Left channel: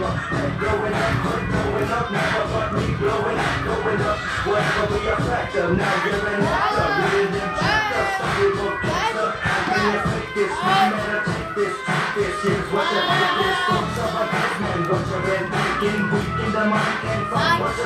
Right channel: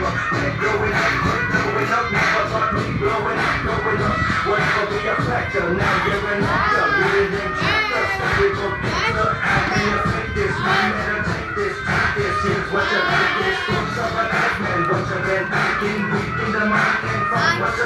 Growing up, never thought me growing up. Whatever be a factor, now you're an actor. Reading them chapters, people picture. How can you fake this? No matter, take this. Here's what you think is. Comes up a man, what you've been thinking. Weak in the mind and from what you